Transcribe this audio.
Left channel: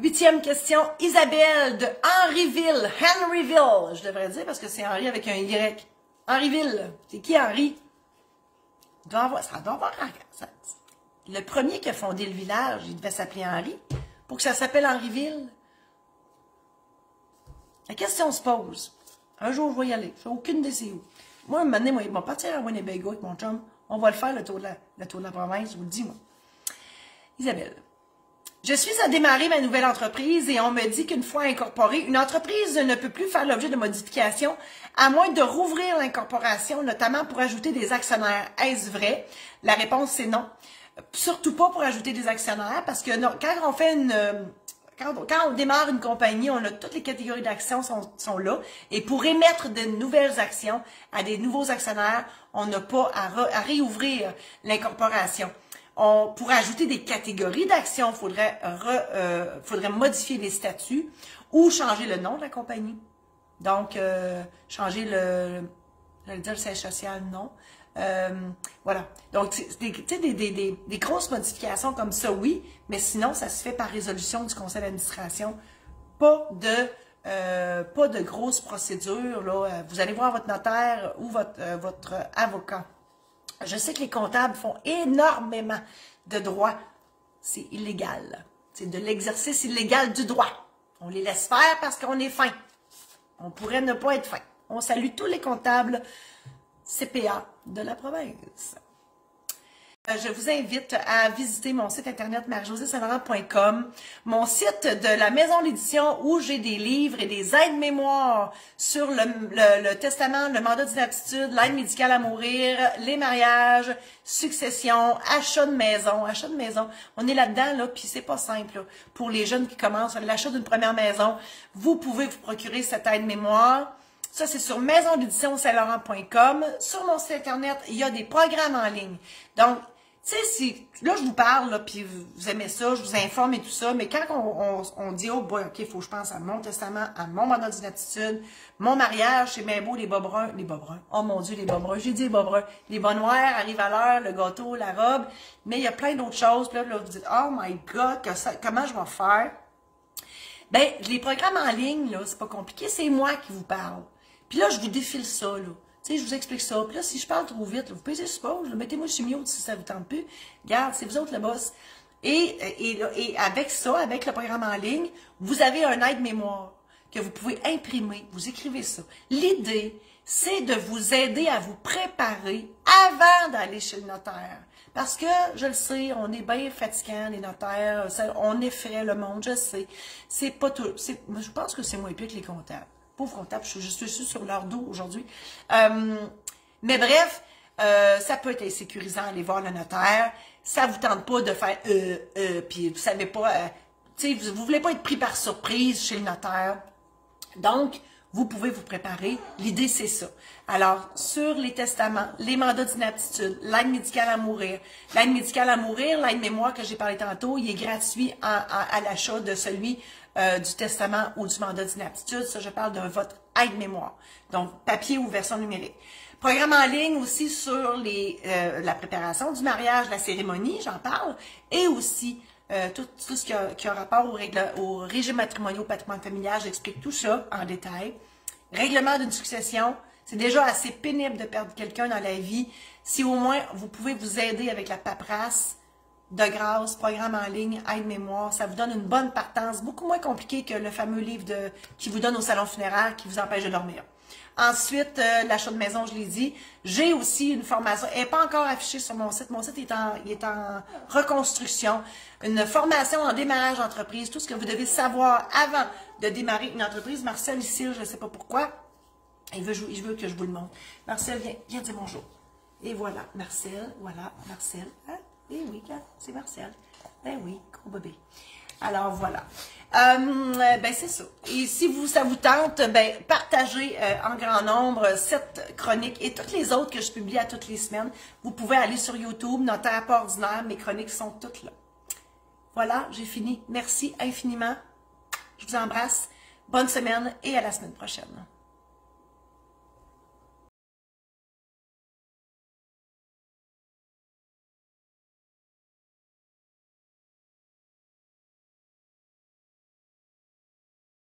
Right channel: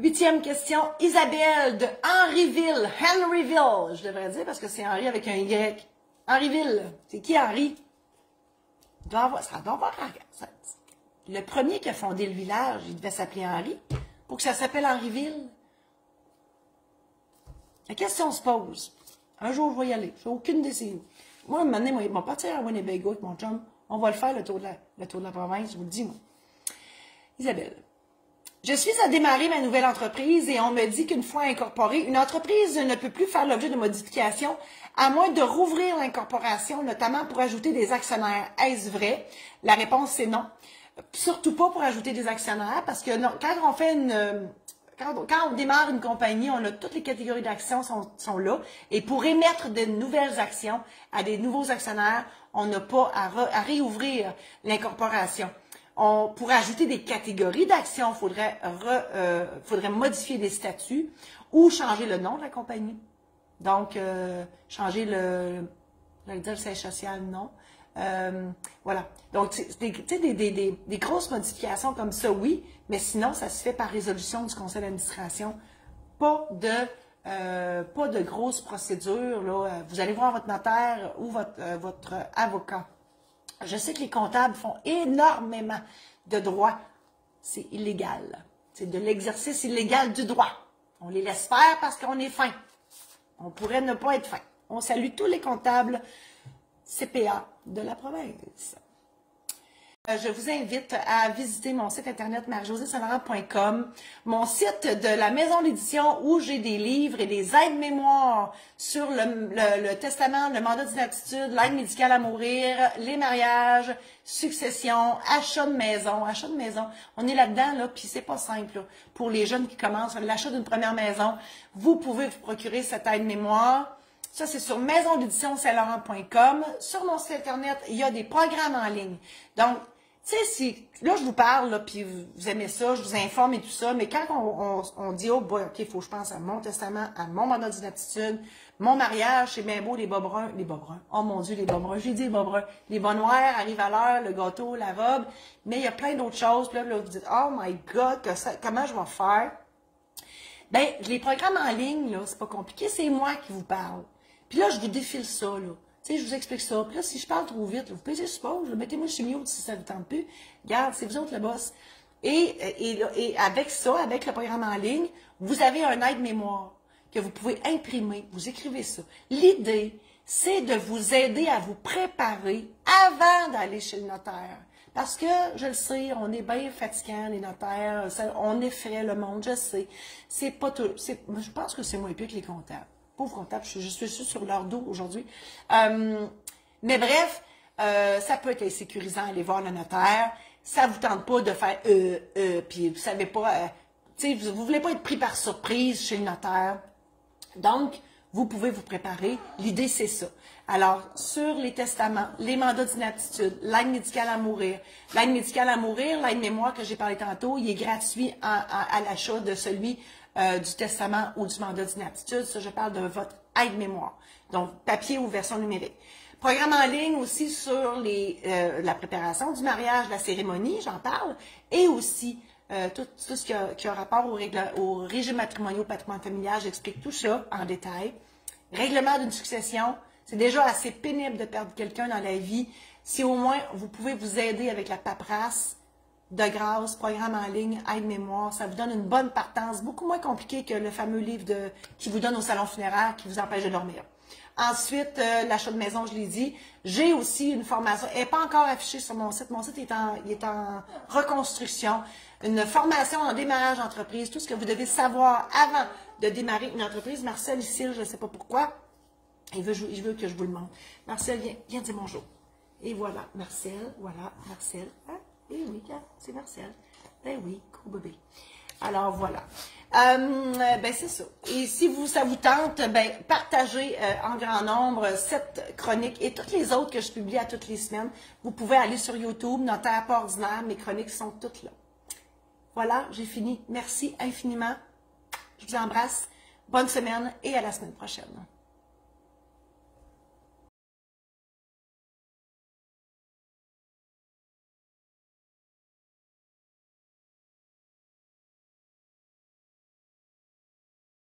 8e question, Isabelle de Henryville, je devrais dire parce que c'est Henri avec un Y. Henryville, c'est qui Henri? Ça doit avoir, le premier qui a fondé le village, il devait s'appeler Henri, pour que ça s'appelle Henryville. La question se pose. Un jour, je vais y aller. Je n'ai aucune idée c'est où. Moi, un moment donné, moi, ils vont partir à Winnebago avec mon chum. On va le faire, le tour de la province, je vous le dis, moi. Isabelle. Je suis à démarrer ma nouvelle entreprise et on me dit qu'une fois incorporée, une entreprise ne peut plus faire l'objet de modifications à moins de rouvrir l'incorporation, notamment pour ajouter des actionnaires. Est-ce vrai? La réponse, c'est non. Surtout pas pour ajouter des actionnaires parce que non, quand on fait quand on démarre une compagnie, on a toutes les catégories d'actions sont là. Et pour émettre de nouvelles actions à des nouveaux actionnaires, on n'a pas à réouvrir l'incorporation. Pour ajouter des catégories d'actions, il faudrait modifier les statuts ou changer le nom de la compagnie. Donc, changer j'allais dire le siège social, non. Voilà. Donc, des grosses modifications comme ça, oui, mais sinon, ça se fait par résolution du conseil d'administration. Pas de grosses procédures, là. Vous allez voir votre notaire ou votre avocat. Je sais que les comptables font énormément de droit. C'est illégal. C'est de l'exercice illégal du droit. On les laisse faire parce qu'on est fin. On pourrait ne pas être fin. On salue tous les comptables CPA de la province. Je vous invite à visiter mon site internet marie-josée-saint-laurent.com, mon site de la maison d'édition où j'ai des livres et des aides-mémoires sur le testament, le mandat d'inaptitude, l'aide médicale à mourir, les mariages, succession, achat de maison. Achat de maison, on est là-dedans, là, puis c'est pas simple. Là. Pour les jeunes qui commencent l'achat d'une première maison, vous pouvez vous procurer cette aide-mémoire. Ça, c'est sur maisondédition-saint-laurent.com. Sur mon site internet, il y a des programmes en ligne. Donc, tu sais, si là, je vous parle, là, puis vous aimez ça, je vous informe et tout ça, mais quand on dit, oh boy, OK, il faut que je pense à mon testament, à mon mandat d'inaptitude, mon mariage, c'est bien beau, les bas bruns, oh mon Dieu, les bas bruns, j'ai dit les bas bruns, les bas noirs arrivent à l'heure, le gâteau, la robe, mais il y a plein d'autres choses, puis là, vous dites, oh my God, comment je vais faire? Ben, les programmes en ligne, là, c'est pas compliqué, c'est moi qui vous parle. Puis là, je vous défile ça, là. Tu sais, je vous explique ça. Puis là, si je parle trop vite, vous payez sur pause, mettez-moi sur mute si ça vous tente plus. Regarde, c'est vous autres le boss. Et avec ça, avec le programme en ligne, vous avez un aide-mémoire que vous pouvez imprimer. Vous écrivez ça. L'idée, c'est de vous aider à vous préparer avant d'aller chez le notaire. Parce que, je le sais, on est bien fatigants, les notaires, on effraie le monde, je sais. C'est pas tout. Je pense que c'est moins pire que les comptables. Pauvre comptable, je suis sur leur dos aujourd'hui. Mais bref, ça peut être sécurisant d'aller voir le notaire. Ça vous tente pas de faire puis vous savez pas, tu sais, vous voulez pas être pris par surprise chez le notaire. Donc, vous pouvez vous préparer. L'idée, c'est ça. Alors, sur les testaments, les mandats d'inaptitude, l'aide médicale à mourir, l'aide-mémoire que j'ai parlé tantôt, il est gratuit à l'achat de celui du testament ou du mandat d'inaptitude. Ça, je parle de votre aide-mémoire. Donc, papier ou version numérique. Programme en ligne aussi sur la préparation du mariage, la cérémonie, j'en parle, et aussi tout ce qui a rapport au régime matrimonial, au patrimoine familial. J'explique tout ça en détail. Règlement d'une succession. C'est déjà assez pénible de perdre quelqu'un dans la vie. Si au moins vous pouvez vous aider avec la paperasse, de grâce, programme en ligne, aide-mémoire, ça vous donne une bonne partance, beaucoup moins compliqué que le fameux livre qui vous donne au salon funéraire qui vous empêche de dormir. Ensuite, l'achat de maison, je l'ai dit. J'ai aussi une formation, elle n'est pas encore affichée sur mon site. Mon site est en reconstruction. Une formation en démarrage d'entreprise, tout ce que vous devez savoir avant de démarrer une entreprise. Marcel, ici, je ne sais pas pourquoi, il veut que je vous le montre. Marcel, viens dire bonjour. Et voilà, Marcel, Hein? Eh oui, c'est Marcel. Ben oui, gros bébé. Alors, voilà. Ben, c'est ça. Et si ça vous tente, ben, partagez en grand nombre cette chronique et toutes les autres que je publie à toutes les semaines. Vous pouvez aller sur YouTube, Notaire pas ordinaire. Mes chroniques sont toutes là. Voilà, j'ai fini. Merci infiniment. Je vous embrasse. Bonne semaine et à la semaine prochaine.